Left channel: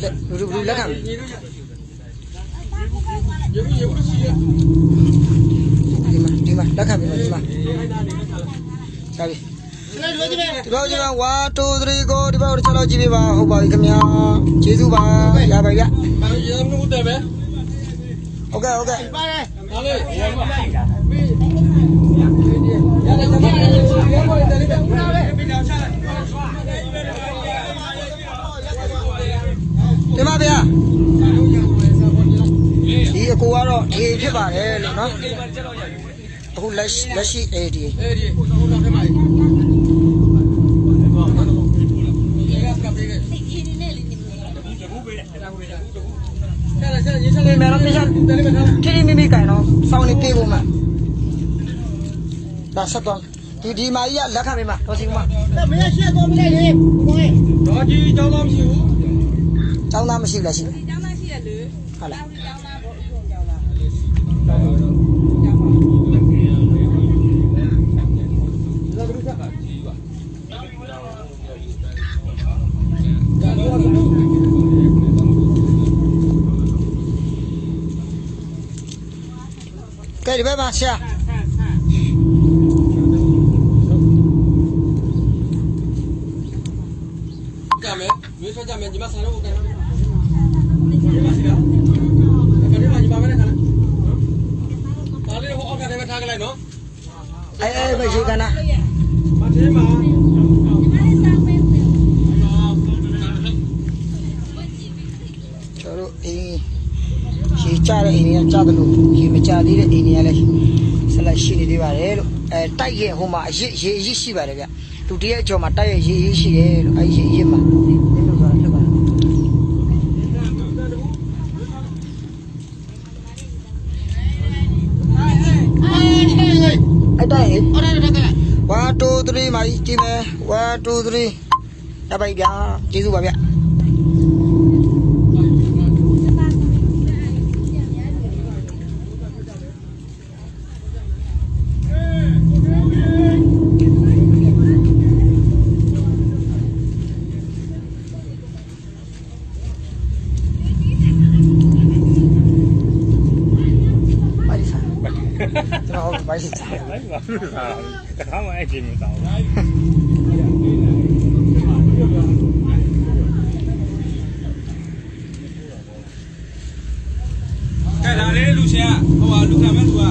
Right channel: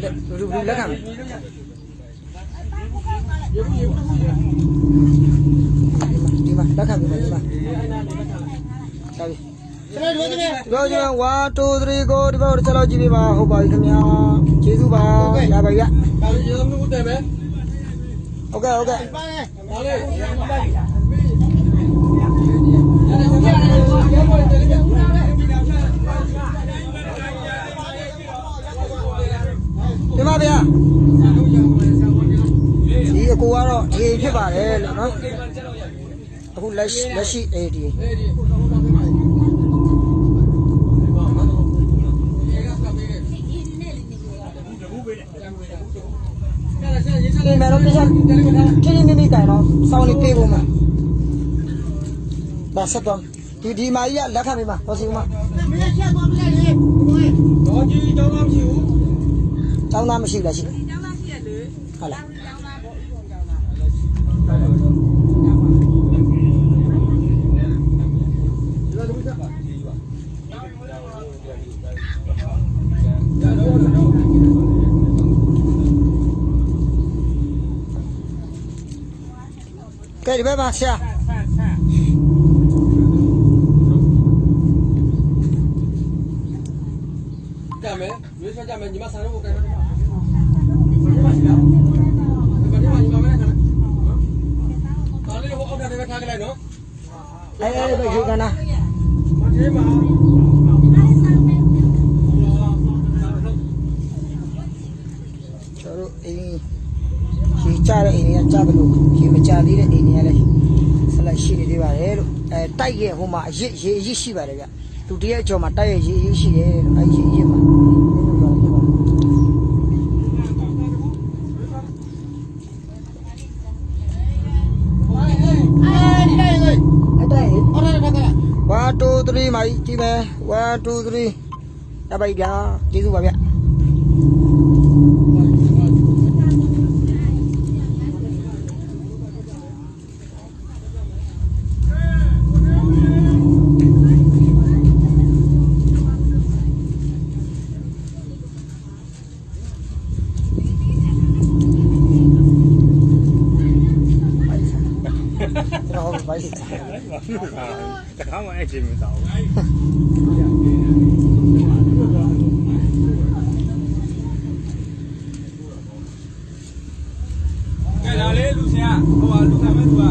လူလက်ခံဒီမှာလက်ခံပြီဒီမှာကြာပြီဒီဘောကျွန်တော်1 2 3 go ဒီဘောတစ်ချက်လောက်ကြည့်ပေးပါဟုတ်ပါပြီခင်ဗျာကျေးဇူးပါရပါပြီဗျရေမလို့တယ်ပဲဟုတ်ကဲ့ပါလေဒီမှာဗျာဒီအကိုကတော့ဒီဖြစ်ပါတယ်လို့နော်အခုလက်ရှိဒီဒီမဲတော့တရားထိမိကန်တော့စောင်းနေပြေးဖို့မှာဒါဆက်တော့ဒီမာကြီးကလက်ခံပေးမှာတော်စီဦးမှာမင်းရှက်သွားပြီလေဒီဘောရေတော်ကြီးကျောင်းသားမရှိဘူးကျောင်းသားမရှိဘူးလားရှိကျောင်းသားရှိရလေဟုတ်လားကျောင်းသားဘောဥပုံကျောင်းသားကျောင်းပါဒီလိုတစ်ခါကကြီးပါကဲဒီဘက်မှာဆရာကြမယ်ရွေးဆွကြမယ်ညီမဆန်တော့ကိုကန်တော့ဒီမှာရှိလားကဲဒီမှာညီမပဲနဲ့ခါလားပါလေးဟိုအောက်ထပ်ထဲမှာထားကြလိုက်နော်အဲပဲရှိကန်နာမထဲမှာညီမလေးစောင်းပေးဦးကျွန်တော်အင်းရေချတဲ့အိမ်တွေကကြားတယ်လို့ရေမချသေးတဲ့အိမ်တွေကလည်းဆက်လက်ရှိနေသေးပါတယ်လို့တိုက်ရဲ့ဟိုမှာရေအရစ်ရှိပါတယ်ဗျသူတရက်အကျော်မှာတိုက်ရဲ့ရေအရစ်ရှိတယ်လို့ရေအရစ်မှာနင်းလို့ဆိုတာဖြစ်ပါတယ်အဲ့တိုက်ရဲ့အော်တယ်တက်ကြလား1 2 3မှာကြည့်မယ်1 2 3ရပါပြီဗျာကျေးဇူးပါဗျကျွန်တော်ဘိုက်စားတယ်တခါမှအဲ့ချိန်မစားဘူးကဲဒါလေးလူချင်းကဟိုလူခံမဲ့သူက